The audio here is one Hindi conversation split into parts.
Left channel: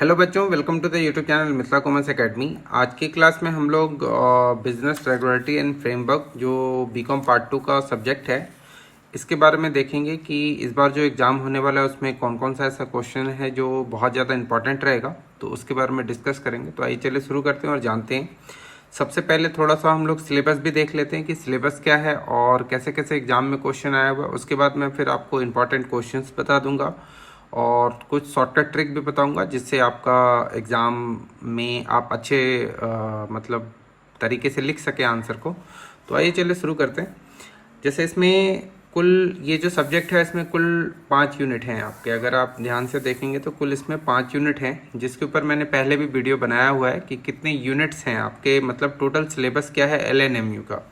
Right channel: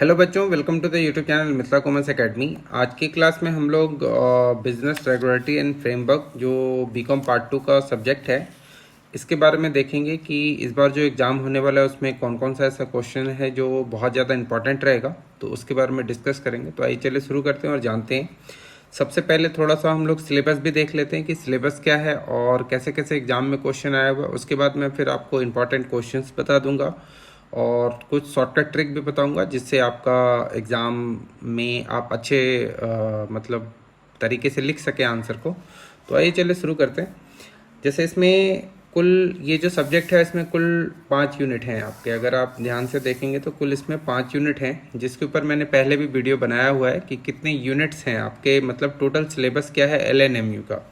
हेलो बच्चों, welcome to the YouTube channel Mithila commerce academy. आज की क्लास में हम लोग बिजनेस रेगुलेटरी एंड फ्रेमवर्क जो बीकॉम पार्ट 2 का सब्जेक्ट है, इसके बारे में देखेंगे कि इस बार जो एग्ज़ाम होने वाला है उसमें कौन कौन सा ऐसा क्वेश्चन है जो बहुत ज़्यादा इंपॉर्टेंट रहेगा, तो उसके बारे में डिस्कस करेंगे। तो आइए चलिए शुरू करते हैं और जानते हैं। सबसे पहले थोड़ा सा हम लोग सिलेबस भी देख लेते हैं कि सिलेबस क्या है और कैसे कैसे एग्ज़ाम में क्वेश्चन आया हुआ है। उसके बाद मैं फिर आपको इंपॉर्टेंट क्वेश्चंस बता दूंगा और कुछ शॉर्टकट ट्रिक भी बताऊंगा जिससे आपका एग्ज़ाम में आप अच्छे मतलब तरीके से लिख सकें आंसर को। तो आइए चलिए शुरू करते हैं। जैसे इसमें कुल ये जो सब्जेक्ट है इसमें कुल 5 यूनिट हैं आपके। अगर आप ध्यान से देखेंगे तो कुल इसमें 5 यूनिट हैं, जिसके ऊपर मैंने पहले भी वीडियो बनाया हुआ है कि कितने यूनिट्स हैं आपके, मतलब टोटल सिलेबस क्या है LNMU का।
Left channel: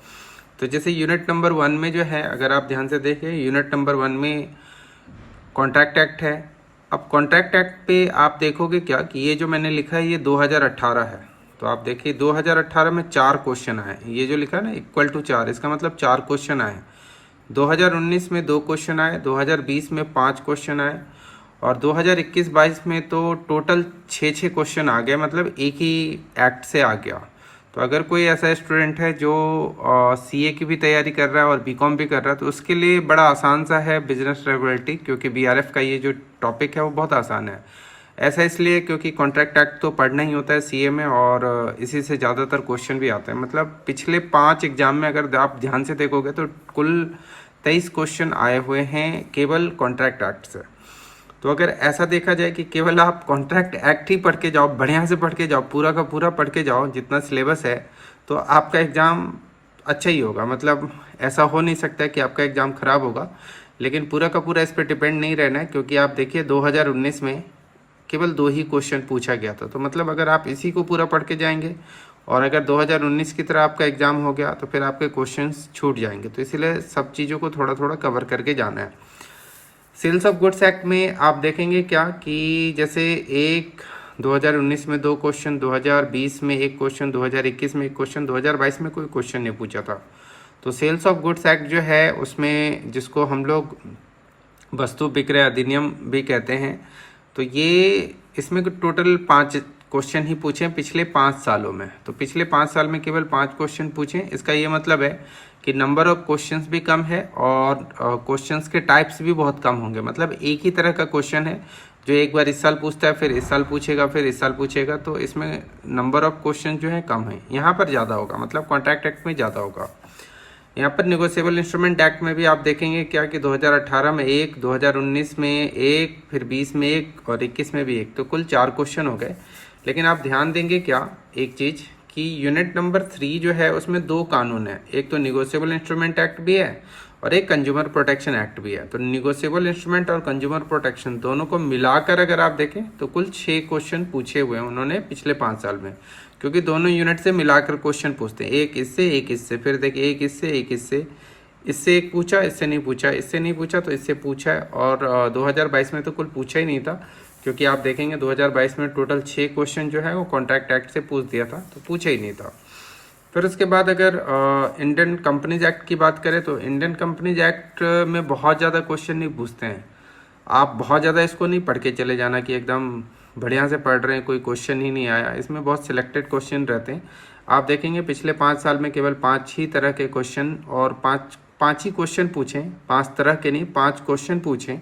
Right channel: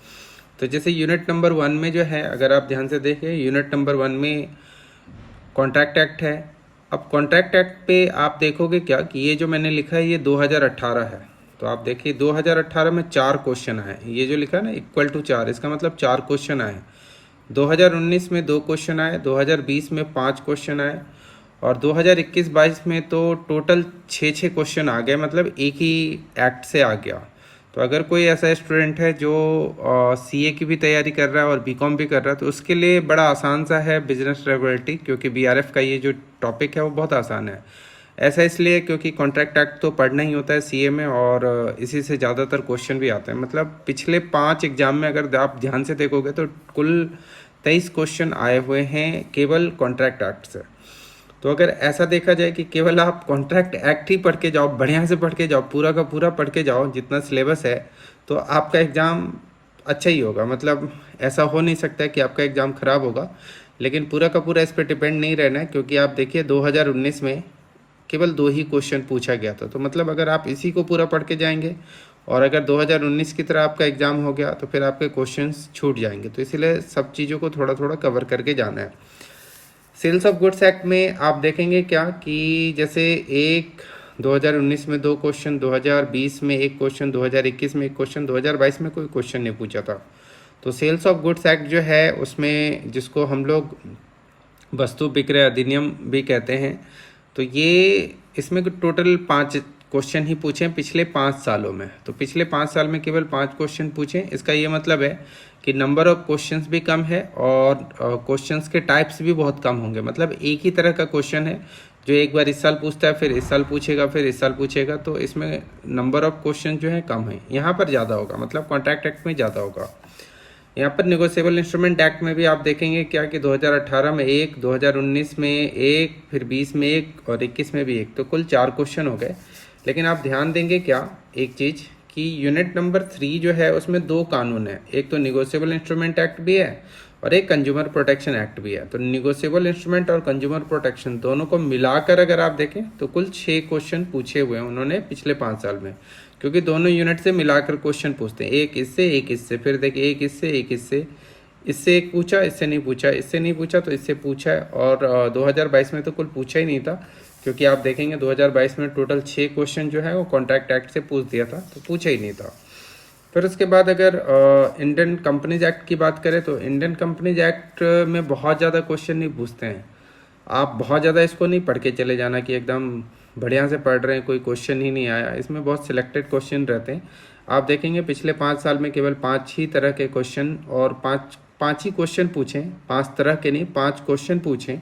तो जैसे यूनिट नंबर 1 में जो है, अगर आप ध्यान से देखें, यूनिट नंबर 1 में कॉन्ट्रैक्ट एक्ट है। अब कॉन्ट्रैक्ट एक्ट पे आप देखोगे क्या कि ये जो मैंने लिखा है ये 2018 है। तो आप देखिए 2018 में 4 क्वेश्चन आए। ये जो लिखा है ना इक्वल टू 4, इसका मतलब 4 क्वेश्चन आए। 2019 में 2 क्वेश्चन आए, 2020 में 5 क्वेश्चन आए और 2021-22 में तो टोटल 6 क्वेश्चन आ गए, मतलब एक ही एक्ट से आ गया। तो अगर कोई ऐसा स्टूडेंट है जो CA की भी तैयारी कर रहा है और BCom भी कर रहा है तो उसके लिए बड़ा आसान सा है बिजनेस रेगुलेटरी, क्योंकि BRF का ये जो टॉपिक है वो बहुत आसान है। ऐसा इसलिए क्योंकि कॉन्ट्रैक्ट एक्ट तो पढ़ना ही होता है CA में और इसी से ज़्यादातर क्वेश्चन भी आते हैं। मतलब पिछले 5 एग्जाम में अगर आप ध्यान से देखोगे तो कुल 23 क्वेश्चन आए हुए हैं केवल कॉन्ट्रैक्ट एक्ट से। तो अगर ऐसा देखा जाए कि केवल आप कॉन्ट्रैक्ट एक्ट ही पढ़ के जाओ, बढ़िया से पढ़ के जाओ, पूरा का पूरा पढ़ के जाओ जितना सिलेबस है, तो आपका एग्ज़ाम अच्छा ही होगा। मतलब ऐसा हो नहीं सकता कि आपका एग्ज़ाम ख़राब होगा, लेकिन पूरा का पूरा इस पर डिपेंड नहीं रहना है। क्योंकि आप देखिए 2019 में केवल 2 ही क्वेश्चन पूछा गया था। तो मतलब अगर आप इसी को पूरा पढ़ के जाएंगे और अगर 2019 की तरह आपका एग्ज़ाम हो गया तो फिर आपके क्वेश्चंस छूट जाएंगे। तो इसीलिए सब चीज़ों को थोड़ा थोड़ा कवर करके जाना है। सेल्स ऑफ गुड्स एक्ट में आप देखेंगे क्या कि जैसे 2019 में 2 क्वेश्चन, 2020 में 1 क्वेश्चन, 2021 में 1 क्वेश्चन, 2022 में कोई क्वेश्चन नहीं पूछा था। तो सेल्स ऑफ गुड्स एक्ट जो है उसमें, जिसको हम लोग वस्तु विक्रय अधिनियम भी कहते हैं, तो ये इसमें टोटल 5 क्वेश्चन ही पूछे हैं पिछले 5 सालों में। तो पिछले 5 साल में केवल 5 क्वेश्चन पूछे। इसका ये मतलब है कि नंबर ऑफ क्वेश्चंस भी कम है और क्वेश्चंस के टाइप्स भी बहुत कम होंगे। मतलब एक ही तरह का क्वेश्चन है जो एक बार इस साल पूछता है, फिर इस साल पूछेगा, फिर इस साल पूछेगा। तो इसमें नंबर ऑफ क्वेश्चन जो है कम है, यहाँ पर ज़्यादा होगा, मतलब कॉन्ट्रैक्ट एक्ट में ज़्यादा होगा। यहाँ पर निगोशिएबल इंस्ट्रूमेंट एक्ट में भी आप देखेंगे क्या कि 2018 में 1, 2019 में 1, फिर 20 में 1 और 21 में भी 1, तो कुल 4 क्वेश्चन हो गए। लेकिन आप ध्यान देंगे क्या एक चीज़ कि यूनिट नंबर 3 जो है उसमें 2 कानून है। एक तो निगोशिएबल इंस्ट्रूमेंट एक्ट भी है और एक कंज्यूमर प्रोटेक्शन एक्ट भी है। तो निगोशिएबल इंस्ट्रूमेंट और कंज्यूमर प्रोटेक्शन दोनों को मिलाकर अगर आप देखें तो कुल 6 क्वेश्चन पूछे हुए हैं उन्होंने पिछले 5 साल में, क्योंकि दोनों यूनिट से मिलाकर क्वेश्चन पूछते हैं, एक इससे एक इससे, फिर देखिए एक इससे एक इससे, इससे एक पूछा, इससे नहीं पूछा, इससे नहीं पूछा तो इससे पूछा है। और 2022 में तो कुल पूछा ही नहीं था, क्योंकि आप देखेंगे 2022 में टोटल 6 क्वेश्चन जो है वो कॉन्ट्रैक्ट एक्ट से पूछ दिया था, तो पूछा ही नहीं था। फिर उसके बाद अगर इंडियन कंपनीज एक्ट की बात करें तो इंडियन कंपनीज एक्ट में बहुत ज़्यादा क्वेश्चन नहीं पूछते हैं। आप बहुत ज़्यादा इसको नहीं पढ़ के चले जाना कि एकदम बढ़िया से पढ़ रहे हैं, कोई क्वेश्चन ही नहीं आया। इसमें बहुत सिलेक्टेड क्वेश्चन रहते हैं। आप देखेंगे पिछले 5 साल में केवल 5 ही तरह के क्वेश्चन और 5 ही क्वेश्चन पूछे, 5 तरह के नहीं, 5 क्वेश्चन पूछे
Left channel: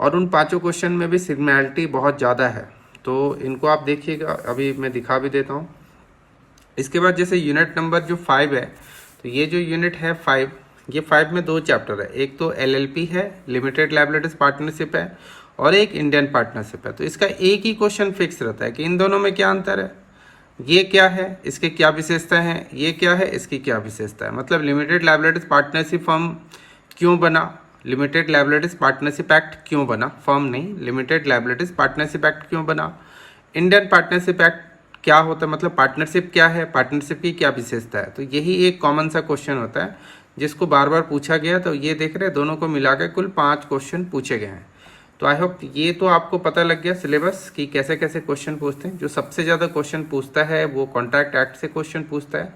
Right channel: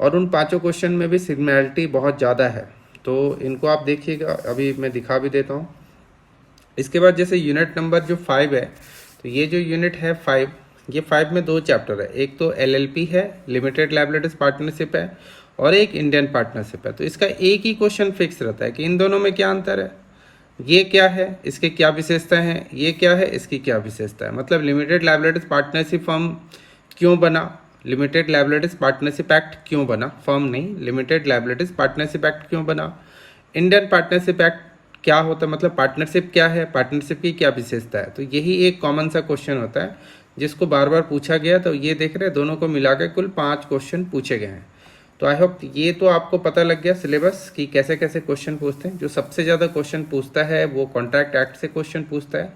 और उन 5 क्वेश्चन में भी सिमिलैरिटी बहुत ज़्यादा है। तो इनको आप देखिएगा, अभी मैं दिखा भी देता हूँ। इसके बाद जैसे यूनिट नंबर जो 5 है, तो ये जो यूनिट है 5, ये 5 में 2 चैप्टर है। एक तो LLP है, लिमिटेड लायबिलिटीज पार्टनरशिप है, और एक इंडियन पार्टनरशिप है। तो इसका एक ही क्वेश्चन फिक्स रहता है कि इन दोनों में क्या अंतर है, ये क्या है, इसके क्या विशेषता है, ये क्या है, इसकी क्या विशेषता है। मतलब लिमिटेड लायबिलिटीज पार्टनरशिप फर्म क्यों बना, लिमिटेड लायबिलिटीज पार्टनरशिप एक्ट क्यों बना, फर्म नहीं, लिमिटेड लायबिलिटीज पार्टनरशिप एक्ट क्यों बना, इंडियन पार्टनरशिप एक्ट क्या होता है, मतलब पार्टनरशिप क्या है, पार्टनरशिप की क्या विशेषता है। तो यही एक कॉमन सा क्वेश्चन होता है जिसको बार बार पूछा गया। तो ये देख रहे हैं दोनों को मिलाकर कुल 5 क्वेश्चन पूछे गए हैं। तो आई होप ये तो आपको पता लग गया सिलेबस कि कैसे कैसे क्वेश्चन पूछते हैं। जो सबसे ज़्यादा क्वेश्चन पूछता है वो कॉन्ट्रैक्ट एक्ट से क्वेश्चन पूछता है,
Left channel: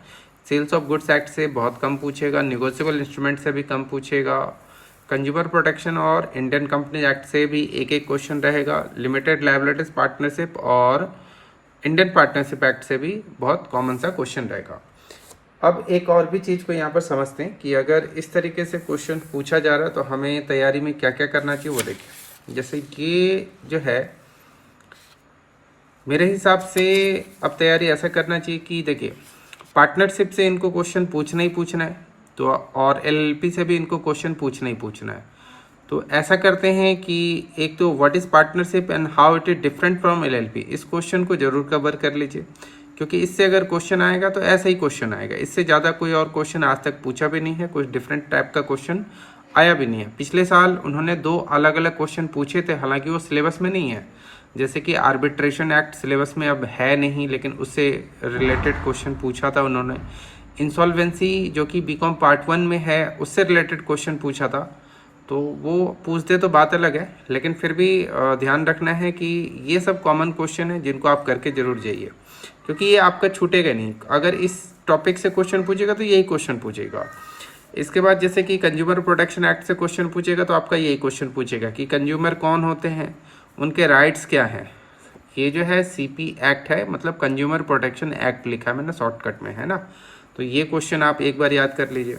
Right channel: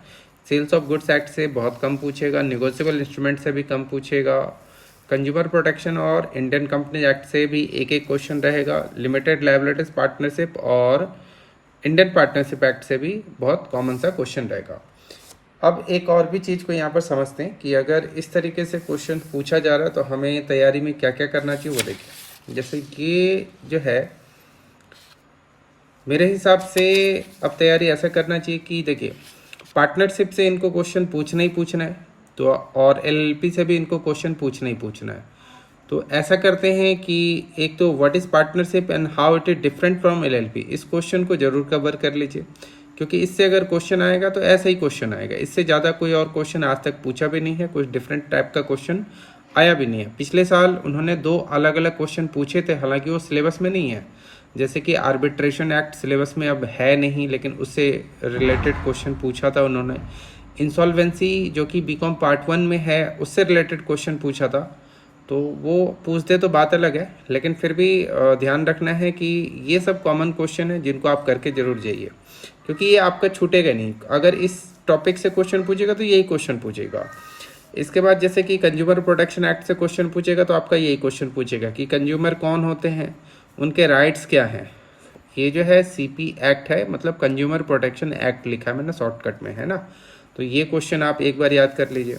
सेल्स ऑफ गुड्स एक्ट से बहुत कम पूछेगा, निगोशिएबल इंस्ट्रूमेंट से भी कम पूछेगा, कंज्यूमर प्रोटेक्शन और इंडियन कंपनी एक्ट से भी एक एक क्वेश्चन रहेगा। लिमिटेड लायबिलिटीज पार्टनरशिप और इंडियन पार्टनरशिप एक्ट से भी बहुत कॉमन सा क्वेश्चन रहेगा। अब एक और भी चीज़ को यहाँ पर समझते हैं कि अगर इस तरीके से क्वेश्चन पूछा जा रहा है तो हमें तैयारी में क्या क्या करना चाहिए वो देखिए। जैसे ये जो है मेरे हिसाब से अब तैयारी ऐसा करना चाहिए कि देखिए पार्टनरशिप से इनको क्वेश्चन पूछना ही पूछना है, तो और एलएलपी से भी इनको क्वेश्चन पूछना ही पूछना है। तो ऐसा करते हैं कि एक तो what is partnership and how it is different from LLP, इस क्वेश्चन को जरूर कवर कर लीजिए, क्योंकि इससे अगर क्वेश्चन आएगा तो ऐसा ही क्वेश्चन आएगा। इससे ज़्यादा कोई और क्वेश्चन आज तक पूछा भी नहीं है, कुछ डिफरेंट टाइप का क्वेश्चन आया भी नहीं है। पिछले साल उन्होंने 2 अलग अलग क्वेश्चन पूछे थे, हालांकि वो सिलेबस में नहीं है। जैसे कि आर्बिट्रेशन एक्ट सिलेबस में अब है नहीं, लेकिन उससे रिलेटेड क्वेश्चन पूछा था उन्होंने। इंसॉल्वेंसी जो कि बीकॉम पार्ट 1 में है उससे रिलेटेड क्वेश्चन पूछा था, तो वो पूछते तो बात अलग है, लेकिन फिर भी ध्यान रखना है कि ये सब कॉमन क्वेश्चन है जिनको आप करके जरूर जाइए, क्योंकि ये आपका छूटेगा नहीं। अगर इस टॉपिक से क्वेश्चन पूछेगा तो यही क्वेश्चन पूछेगा। इसके बाद जैसे कि कंज्यूमर प्रोटेक्शन एक्ट से क्वेश्चन पूछेगा तो आपका यही क्वेश्चन पूछेगा कि कंज्यूमर कौन होते हैं, उनके राइट्स क्या हैं। ये जो है सीपी एक्ट है, मतलब कंज्यूमर प्रोटेक्शन एक्ट लिखा है मैंने शॉर्टकट में, है ना। तो ये क्वेश्चन आप एक बार याद कर लीजिए।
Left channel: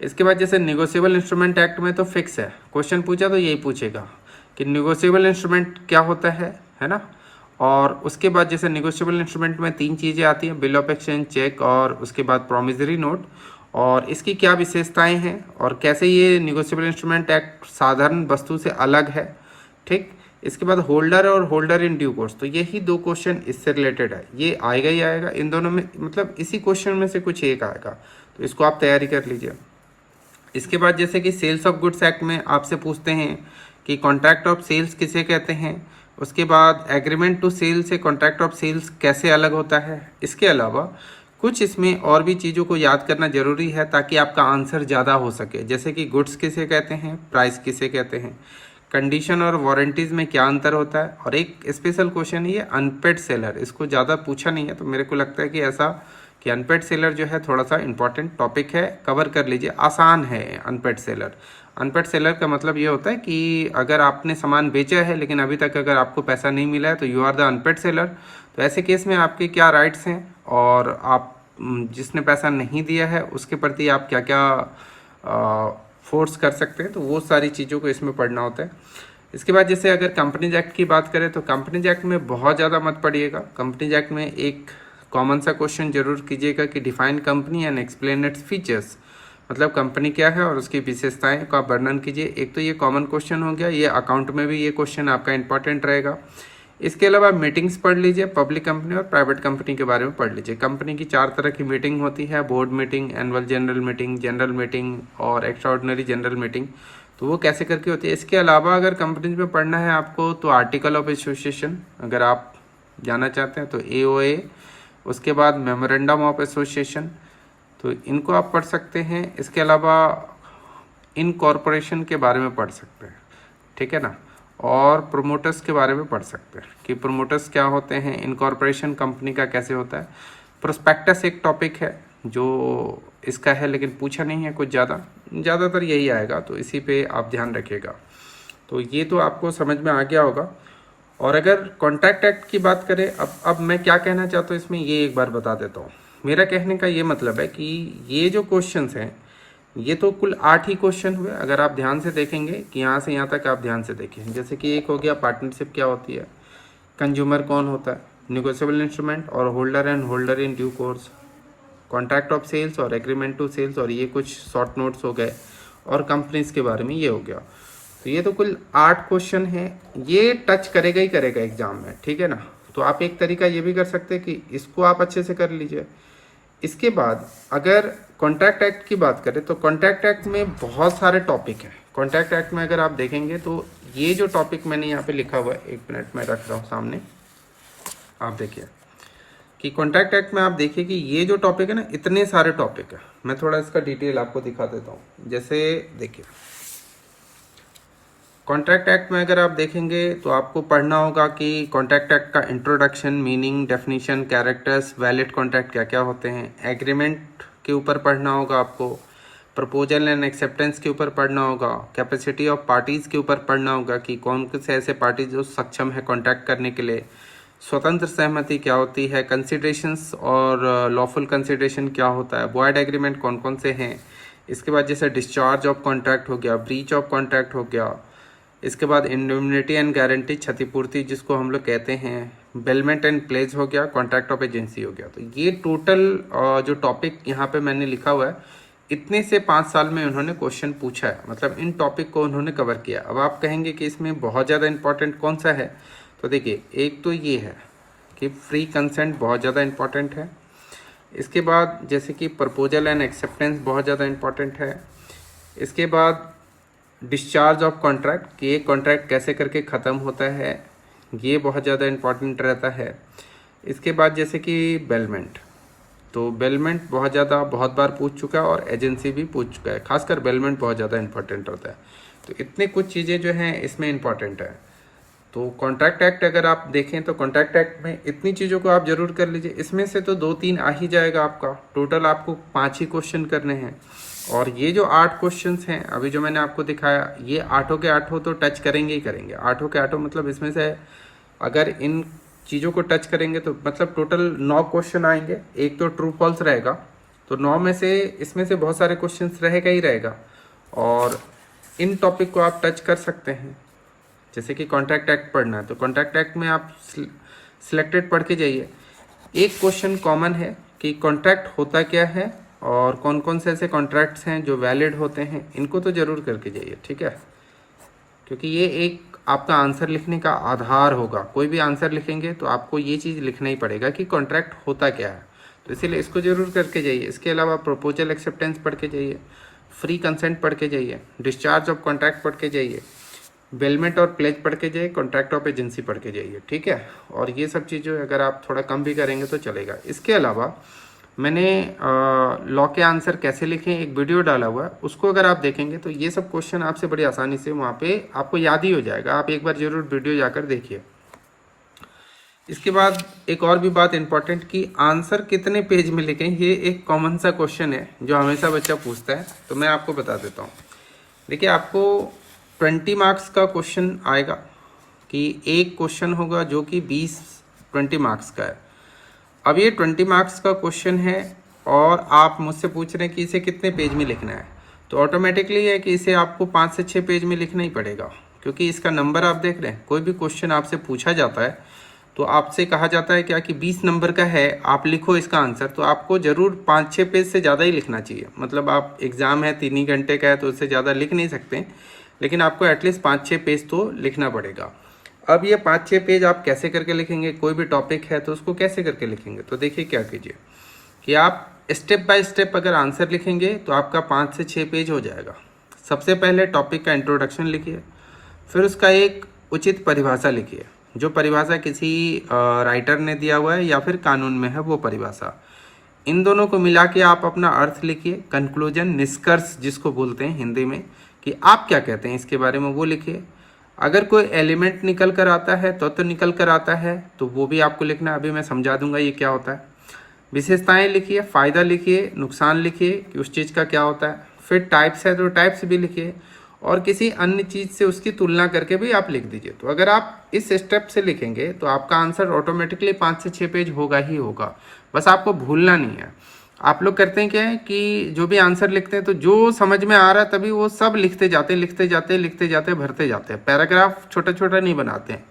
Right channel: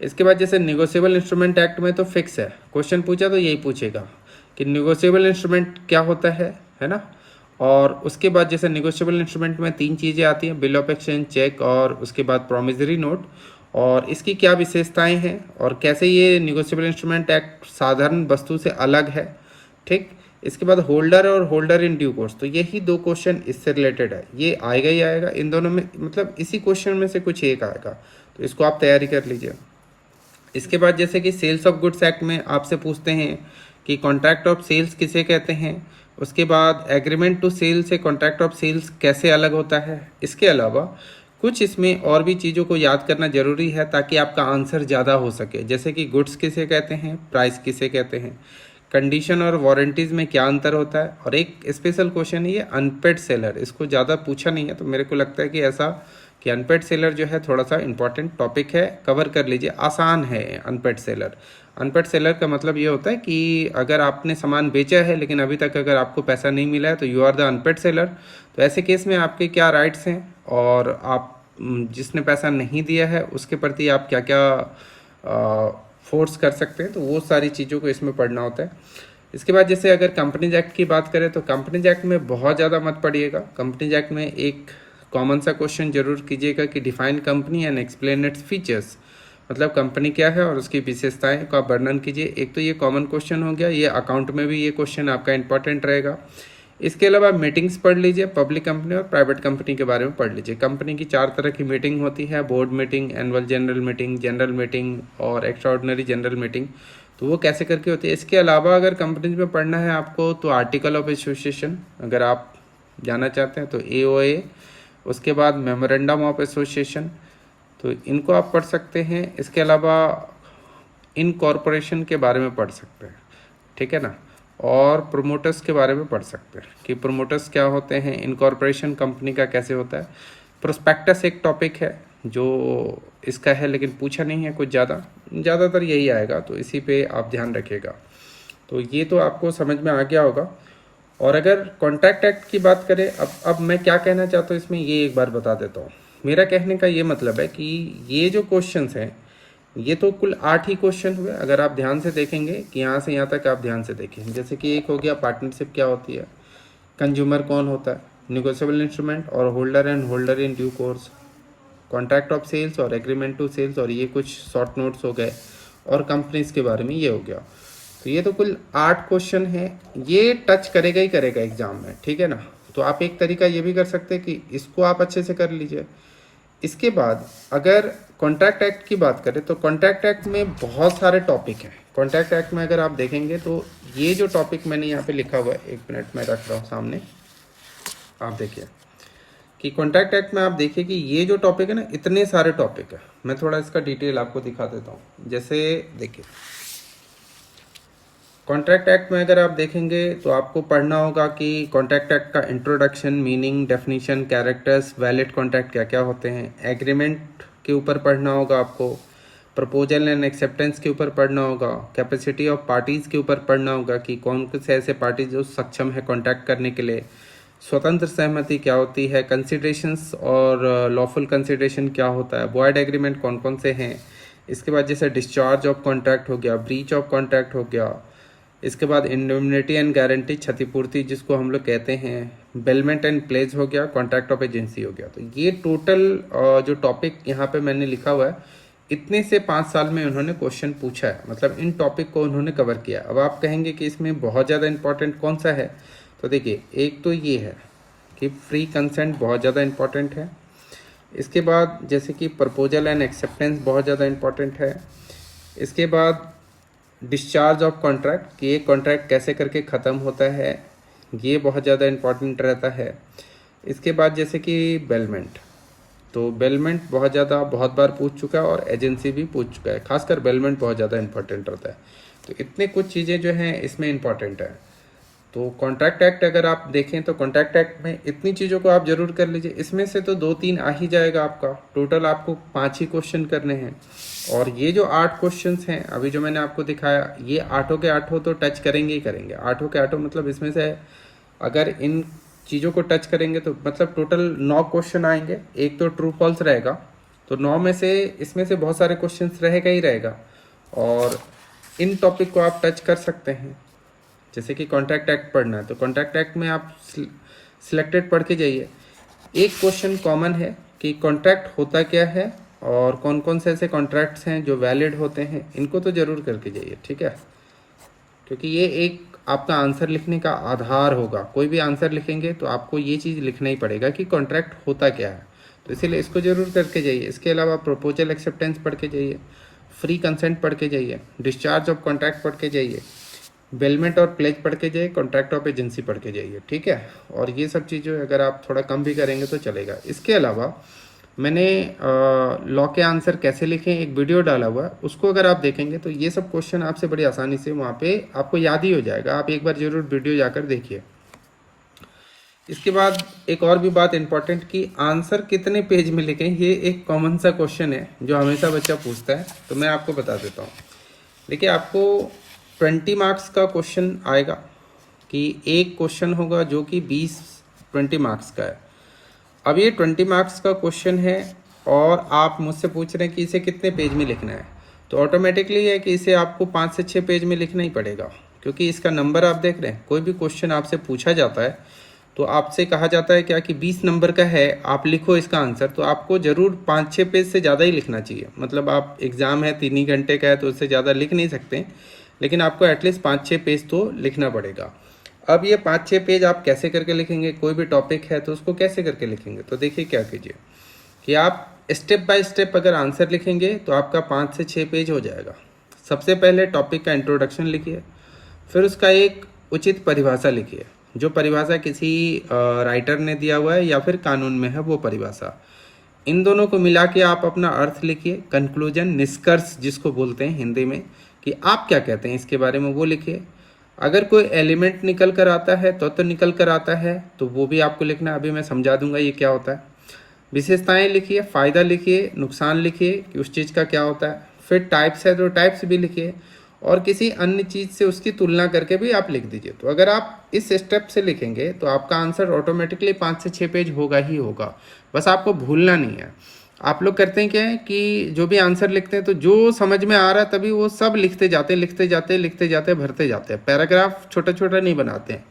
इसके बाद जैसे निगोशिएबल इंस्ट्रूमेंट एक्ट में तो फिक्स है, क्वेश्चन पूछा तो यही पूछेगा कि निगोशिएबल इंस्ट्रूमेंट क्या होता है ना। और उसके बाद जैसे निगोशिएबल इंस्ट्रूमेंट में 3 चीज़ें आती हैं, बिल ऑफ एक्सचेंज, चेक और उसके बाद प्रॉमिसरी नोट, और इसकी क्या विशेषताएं हैं और कैसे ये निगोशिएबल इंस्ट्रूमेंट एक्ट साधारण वस्तु से अलग है, ठीक। इसके बाद होल्डर और होल्डर इन ड्यू कोर्स, तो यही 2 क्वेश्चन इससे रिलेटेड है, ये आएगा ही आएगा इन दोनों में, मतलब इसी क्वेश्चन में से कुछ एक आएगा, तो इसको आप तैयारी कर लीजिए। इसके बाद जैसे कि सेल्स ऑफ गुड्स एक्ट में आपसे पूछते हैं कि कॉन्ट्रैक्ट ऑफ सेल्स किसे कहते हैं। उसके बाद एग्रीमेंट टू सेल से कॉन्ट्रैक्ट ऑफ सेल्स कैसे अलग होता है। इसके अलावा कुछ इसमें और भी चीज़ों को याद करना जरूरी है ताकि आपका आंसर ज़्यादा हो सके, जैसे कि गुड्स किसे कहते हैं, प्राइस किसे कहते हैं, कंडीशन और वारंटीज़ में क्या अंतर होता है, और एक स्पेशल क्वेश्चन है ये अनपेड सेलर, इसको ज़्यादा पूछा नहीं है, तो मेरे को लगता है कि ऐसा कि अनपेड सेलर जो है थोड़ा सा इंपॉर्टेंट टॉपिक है, कवर कर लीजिए, आसान है अनपेड सेलर। अनपेड सेलर का मतलब ये होता है कि अगर आपने सामान बेचा है लेकिन अभी तक अगर आपको पैसा नहीं मिला है तो you are the unpaid seller. तो ऐसे केस में आपके क्या राइट्स हैं और आप जिसने पैसा नहीं दिया है उसके प्रति आप क्या क्या फोर्स कर सकते हैं, तो वो सारी चीज़ों को इसमें पढ़ना होता है। इसके बाद जैसे अगर कंपनीज एक्ट की बात करें तो कंपनीज एक्ट में बहुत ज़्यादा मत पढ़िएगा। कंपनीज एक्ट में एक कॉमन सा क्वेश्चन जरूर कीजिएगा कि define company and explain its features, मतलब कंपनी क्या है और उसकी विशेषताएं का वर्णन कीजिए। एक तो ये कॉमन क्वेश्चन हो गया, ये अकाउंट में भी ये क्वेश्चन आपका इंपॉर्टेंट रहेगा। इसके अलावा मीटिंग्स पढ़ लीजिए, पब्लिक कंपनी और प्राइवेट कंपनी के बारे में पढ़ लीजिए। कंपनी की 4 तरह की मीटिंग होती है, board meeting, annual general meeting और एक्स्ट्राऑर्डिनरी जनरल मीटिंग, तो वो कैसे करके होती है। इसके अलावा अगर कंपनीज में पढ़ना है आपको तो आर्टिकल ऑफ एसोसिएशन अगर आप जाना चाहते हैं तो AOA, उसके बाद मेमोरेंडम ऑफ एसोसिएशन, तो इनको आप पढ़ सकते हैं। इसके अलावा इनकॉर्पोरेशन के बारे में पढ़ सकते हैं, ठीक है ना, और प्रोमोटर्स के बारे में पढ़ सकते हैं कि प्रोमोटर्स क्या होते हैं, इनकॉर्पोरेशन कंपनी का कैसे होता है। प्रोस्पेक्टस एक टॉपिक है जो इसका है लेकिन पूछा नहीं है कुछ ज़्यादातर यही आएगा, तो इसी पे आप ध्यान रखिएगा। तो ये तो आपको समझ में आ गया होगा। और अगर कॉन्ट्रैक्ट एक्ट की बात करें, अब मैं क्या कहना चाहता हूँ इसमें ये एक बार बता देता हूँ। मेरा कहने का ये मतलब है कि ये जो क्वेश्चंस हैं ये तो कुल 8 ही क्वेश्चन हुए। अगर आप ध्यान से देखेंगे कि यहाँ से यहाँ तक आप ध्यान से देखें, जैसे कि एक हो गया पार्टनरशिप क्या होती है, कंज्यूमर कौन होता है, निगोशिएबल इंस्ट्रूमेंट और holder and holder in due course, contract of sales और एग्रीमेंट टू सेल्स, और ये कुछ शॉर्ट नोट्स हो गए, और कंपनीज के बारे में ये हो गया। तो ये तो कुल 8 क्वेश्चन हैं, ये टच करेगा ही करेगा एग्जाम में, ठीक है ना। तो आप एक तरीका ये भी कर सकते हैं कि इसको आप अच्छे से कर लीजिए। इसके बाद अगर कॉन्ट्रैक्ट एक्ट की बात करें तो कॉन्ट्रैक्ट एक्ट में बहुत सारे टॉपिक हैं। कॉन्ट्रैक्ट एक्ट में अगर आप देखेंगे तो ये जो टॉपिक मैंने यहाँ पे लिखा हुआ है, 1 मिनट में रख रहा हूँ सामने, आप देखिए कि कॉन्ट्रैक्ट एक्ट में आप देखिए कि ये जो टॉपिक है ना, इतने सारे टॉपिक है। मैं थोड़ा इसका डिटेल आपको दिखा देता हूँ। जैसे देखिए कॉन्ट्रैक्ट एक्ट में अगर आप देखेंगे तो आपको पढ़ना होगा कि कॉन्ट्रैक्ट एक्ट का introduction, meaning, definition, characters, valid contract क्या क्या होते हैं। एग्रीमेंट के ऊपर पढ़ना होगा आपको। प्रपोजल एंड एक्सेप्टेंस के ऊपर पढ़ना होगा, कैपेसिटी ऑफ पार्टीज़ के ऊपर पढ़ना होगा कि कौन से ऐसे पार्टीज जो सक्षम है कॉन्ट्रैक्ट करने के लिए, स्वतंत्र सहमति क्या होती है, कंसिडरेशंस और लॉफुल कंसिडरेशन क्या होता है, वॉइड एग्रीमेंट कौन कौन से हैं, इसके बाद जैसे डिस्चार्ज ऑफ कॉन्ट्रैक्ट हो गया, ब्रीच ऑफ कॉन्ट्रैक्ट हो गया, इसके बाद इंडोमिनिटी एंड गारंटी क्षतिपूर्ति जिसको हम लोग कहते हैं, बेलमेंट एंड प्लेज हो गया, कॉन्ट्रैक्ट ऑफ एजेंसी हो गया। तो ये टोटल जो टॉपिक यहाँ पे मैंने लिखा हुआ है, इतने से 5 साल में उन्होंने क्वेश्चन पूछा है, मतलब इन टॉपिक को उन्होंने कवर किया। अब आप कहेंगे कि इसमें बहुत ज़्यादा इंपॉर्टेंट कौन सा है, तो देखिए एक तो ये है कि फ्री कंसेंट बहुत ज़्यादा इंपॉर्टेंट है। इसके बाद जैसे कि प्रपोजल एंड एक्सेप्टेंस बहुत ज़्यादा इंपॉर्टेंट है। इसके बाद डिस्चार्ज ऑफ कॉन्ट्रैक्ट कि ये कॉन्ट्रैक्ट कैसे करके ख़त्म होता है, ये बहुत ज़्यादा इंपॉर्टेंट रहता है। इसके बाद जैसे कि बेलमेंट, तो बेलमेंट बहुत बार पूछ चुका है और एजेंसी भी पूछ चुका है, खासकर बेलमेंट बहुत ज़्यादा इंपॉर्टेंट रहता है। तो इतने कुछ चीज़ें जो हैं इसमें इंपॉर्टेंट है। तो कॉन्ट्रैक्ट एक्ट अगर आप देखें तो कॉन्ट्रैक्ट एक्ट में इतनी चीज़ों को आप जरूर कर लीजिए। इसमें से तो 2-3 आ ही जाएगा आपका, टोटल आपको 5 ही क्वेश्चन करने हैं। और ये जो 8 क्वेश्चंस हैं अभी जो मैंने आपको दिखाया, ये 8 के 8 तो टच करेंगे ही करेंगे। 8 के 8 मतलब इसमें से अगर इन चीज़ों को टच करेंगे तो मतलब टोटल 9 क्वेश्चन आएंगे। एक तो ट्रू फॉल्स रहेगा, तो 9 में से इसमें से बहुत सारे क्वेश्चन रहेगा ही रहेगा। और इन टॉपिक को आप टच कर सकते हैं। जैसे कि कॉन्ट्रैक्ट एक्ट पढ़ना है तो कॉन्ट्रैक्ट एक्ट में आप सिलेक्टेड पढ़ के जाइए। एक क्वेश्चन कॉमन है कि कॉन्ट्रैक्ट होता क्या है और कौन कौन से ऐसे कॉन्ट्रैक्ट्स हैं जो वैलिड होते हैं, इनको तो ज़रूर करके जाइए, ठीक है। क्योंकि ये एक आपका आंसर लिखने का आधार होगा। कोई भी आंसर लिखेंगे तो आपको ये चीज़ लिखना ही पड़ेगा कि कॉन्ट्रैक्ट होता क्या है, तो इसीलिए इसको ज़रूर करके जाइए। इसके अलावा प्रपोजल एक्सेप्टेंस पढ़ के जाइए, फ्री कंसेंट पढ़ के जाइए, डिस्चार्ज ऑफ कॉन्ट्रैक्ट पढ़ के जाइए, बेलमेंट और प्लेज पढ़ के जाइए, कॉन्ट्रैक्ट ऑफ एजेंसी पढ़ के जाइए, ठीक है। और ये सब चीज़ें अगर आप थोड़ा कम भी करेंगे तो चलेगा। इसके अलावा मैंने लॉ के आंसर कैसे लिखें एक वीडियो डाला हुआ है, उसको अगर आप देखेंगे तो ये सब क्वेश्चन आपसे बड़ी आसानी से वहाँ पे आपको याद ही हो जाएगा। आप एक बार जरूर वीडियो जाकर देखिए। इसके बाद एक और भी बात इंपॉर्टेंट कि आंसर कितने पेज में लिखें, ये एक कॉमन सा क्वेश्चन है जो हमेशा बच्चा पूछता है, तो मैं आपको बता देता हूँ। देखिए आपको 20 मार्क्स का क्वेश्चन आएगा कि एक क्वेश्चन होगा जो कि 20 मार्क्स का है। अब ये 20 मार्क्स का क्वेश्चन है और आप मुझसे पूछ रहे हैं कि इसे कितने पेज में लिखना है, तो ऑटोमेटिकली है कि इसे आपको 5 से 6 पेज में लिखना ही पड़ेगा। क्योंकि इसका नंबर आप देख रहे हैं, कोई भी क्वेश्चन आपसे पूछा जाता है तो आपसे कहा जाता है क्या कि 20 नंबर का है, आप लिखो इसका आंसर, तो आपको ज़रूर 5-6 पेज से ज़्यादा ही लिखना चाहिए। मतलब आप एग्ज़ाम है 3 ही घंटे का है तो उससे ज़्यादा लिख नहीं सकते, लेकिन आपको एटलीस्ट 5-6 पेज तो लिखना पड़ेगा। अब ये 5-6 पेज आप कैसे करके लिखेंगे, कोई भी टॉपिक है तो उसको कैसे करके लिखेंगे, तो देखिए क्या कीजिए कि आप स्टेप बाय स्टेप अगर आंसर लिखेंगे तो आपका 5 से 6 पेज हो जाएगा। सबसे पहले टॉपिक का इंट्रोडक्शन लिखिए, फिर उसका एक उचित परिभाषा लिखिए, जो परिभाषा किसी राइटर ने दिया हुआ है या फिर कानून में है वो परिभाषा। इन दोनों को मिला के आप अपना अर्थ लिखिए, कंक्लूजन, निष्कर्ष जिसको बोलते हैं हिंदी में, कि आप क्या कहते हैं इसके बारे में वो लिखिए। अगर कोई एलिमेंट निकल कर आता है तो निकल कर आता है तो वो भी आपको लिखना है। अभी मैं समझा दूंगा ये क्या होता है। विशेषताएं लिखिए, फ़ायदा लिखिए, नुकसान लिखिए कि उस चीज़ का क्या होता है। फिर टाइप्स है तो टाइप्स भी लिखिए और किसी अन्य चीज़ से उसकी तुलना करके भी आप लिख दीजिए। तो अगर आप इस स्टेप से लिखेंगे तो आपका आंसर ऑटोमेटिकली 5 से 6 पेज होगा ही होगा। बस आपको भूलना नहीं है। आप लोग करते हैं क्या है कि जो भी आंसर लिखते हैं तो जो समझ में आ रहा है तभी वो सब लिखते जाते भरते जाते हैं। पैराग्राफ छोटा छोटा नहीं बनाते हैं,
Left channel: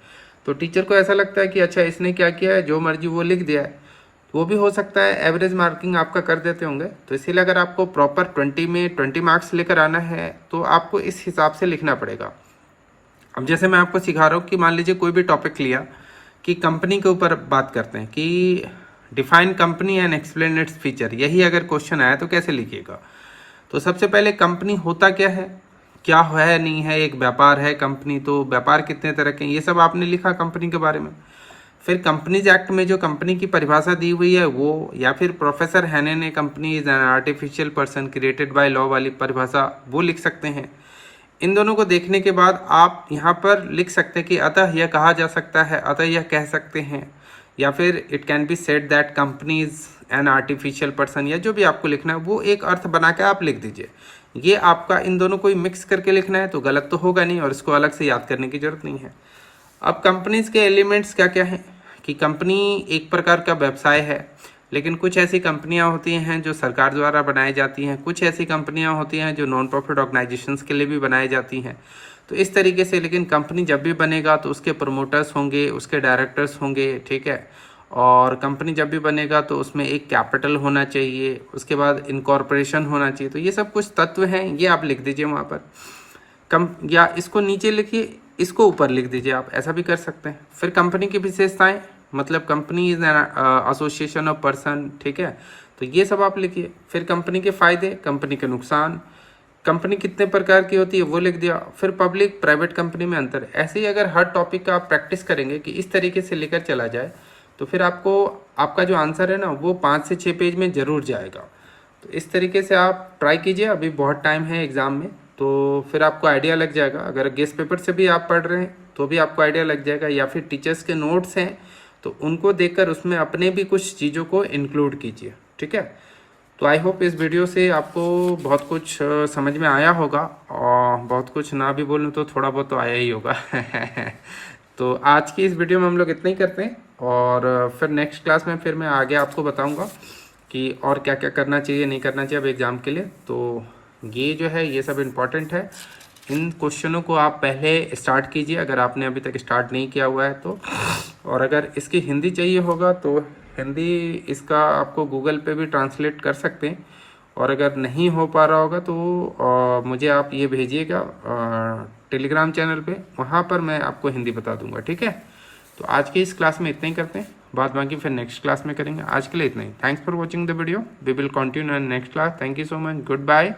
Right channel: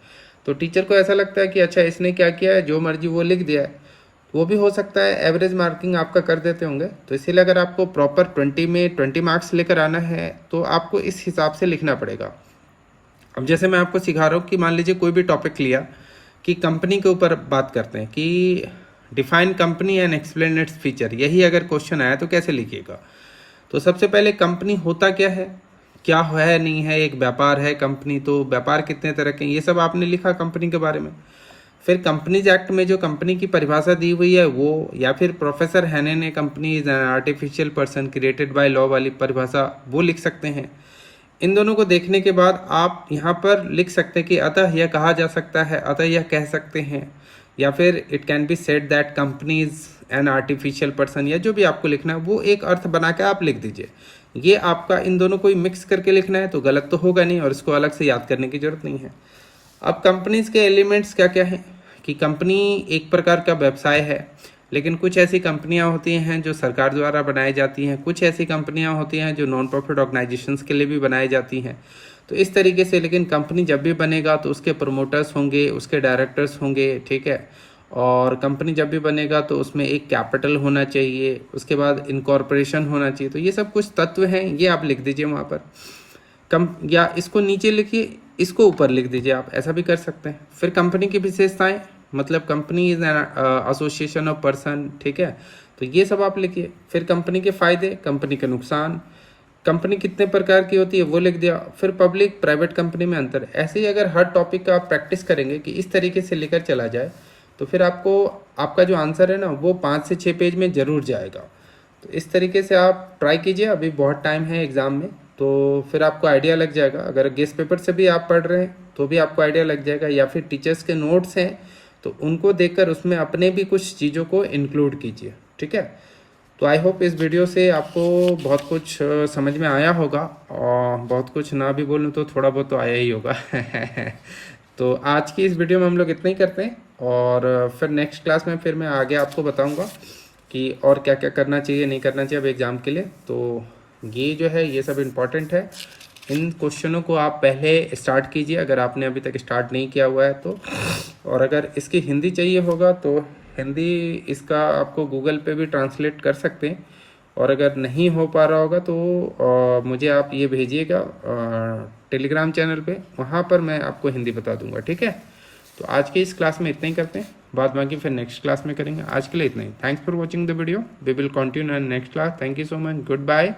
तो टीचर को ऐसा लगता है कि अच्छा इसने क्या किया है, जो मर्जी वो लिख दिया है। वो भी हो सकता है एवरेज मार्किंग आपका कर देते होंगे। तो इसीलिए अगर आपको प्रॉपर 20 में 20 मार्क्स लेकर आना है तो आपको इस हिसाब से लिखना पड़ेगा। अब जैसे मैं आपको सिखा रहा हूँ कि मान लीजिए कोई भी टॉपिक लिया कि कंपनी के ऊपर बात करते हैं कि define company and explain its feature, यही अगर क्वेश्चन आया तो कैसे लिखिएगा। तो सबसे पहले कंपनी होता क्या है, क्या है नहीं है, एक व्यापार है कंपनी, तो व्यापार कितने तरह के, ये सब आपने लिखा कंपनी के बारे में। फिर कंपनीज एक्ट में जो कंपनी की परिभाषा दी हुई है वो, या फिर प्रोफेसर हैने ने company is an artificial person created by law वाली परिभाषा वो लिख सकते हैं। इन दोनों को देखने के बाद आप यहाँ पर लिख सकते हैं कि अतः यह कहा जा सकता है, अतः यह कह सकते हैं, या फिर it can be said that company is an artificial person, या जो भी आपको लिखना है वो एक अर्थ बना के आप लिख दीजिए। ये आपका इन दोनों को मिक्स करके लिखना है तो गलत तो होगा नहीं और इसको अलग से याद करने की जरूरत नहीं है। अब कंपनीज के एलिमेंट्स क्या क्या हैं कि कंपनी एक प्रकार का व्यवसाय है, लेकिन कुछ ऐसी कंपनियां होती हैं जो सरकार द्वारा बनाई जाती हैं, कुछ ऐसी कंपनियां होती हैं जो नॉन प्रॉफिट ऑर्गेनाइजेशंस के लिए भी बनाई जाती हैं। तो इस तरीके से लेकिन कंपनी जब भी बनेगा तो उसके प्रमोटर्स होंगे, उसके डायरेक्टर्स होंगे, ठीक है। और कंपनी जब भी बनेगा तो उसमें एक कैपिटल होना चाहिए, उसके बाद इनकॉर्पोरेशन होना चाहिए। तो ये सब कुछ तत्व हैं, ये आप लिख दीजिए वहाँ पर। कम या इसको नीचे लिखिए, इसको ऊपर लिख दीजिए, आप ऐसा भी कर सकते हैं। फिर कंपनी की विशेषताएं, मतलब company is an association of person, ठीक है, तो ये सब आप लिखिए। फिर कंपनी के फायदे, कंपनी के नुकसान, कंपनी कितने प्रकार की होती है वो लिख दिया। फिर पब्लिक प्राइवेट कंपनी में अंतर। ऐसे ही अगर हर टॉपिक का आप प्रैक्टिस करेंगे कि इस तरीके से लेकर चला जाए तो फिर आपको आपका जो आंसर है ना वो 5 से 6 पेज में ज़रूर जाएगा। तो इस तरीके से आप ट्राई कीजिए, अभी बहुत टाइम है एग्ज़ाम में, तो फिर आपको आइडिया लग जाएगा। अगर गेस्ट पेपर से भी आप पढ़ रहे हैं तो भी आपको आइडिया लग जाएगा, या फिर टीचर्स के नोट्स हैं तो उनको देखकर उसमें अपने भी कुछ चीज़ों को इंक्लूड कीजिए, ठीक है। तो आई होप इस वीडियो से आपको बहुत कुछ समझ में आया होगा, और बहुत कुछ ना भी बोलूँ तो थोड़ा बहुत तो आया ही होगा। तो आज की इस वीडियो में हम लोग इतना ही करते हैं, और फिर नेक्स्ट क्लास में फिर मैं आगे आपको बताऊंगा कि और क्या क्या करना चाहिए, नहीं करना चाहिए अब एग्ज़ाम के लिए। तो ये जो है ये सब इम्पॉर्टेंट है। इन क्वेश्चनों को आप पहले स्टार्ट कीजिए अगर आपने अभी तक स्टार्ट नहीं किया हुआ है तो। और अगर इसकी हिंदी चाहिए होगा तो हिंदी इसका आपको गूगल पे भी ट्रांसलेट कर सकते हैं, और अगर नहीं हो पा रहा होगा तो मुझे आप ये भेजिएगा टेलीग्राम चैनल पे, वहाँ पर मैं आपको हिंदी बता दूंगा, ठीक है। तो आज की इस क्लास में इतना ही करते हैं, बाद बाकी फिर नेक्स्ट क्लास में करेंगे। आज के लिए इतना ही। Thanks for watching the video, we will continue in next class. Thank you so much, good bye.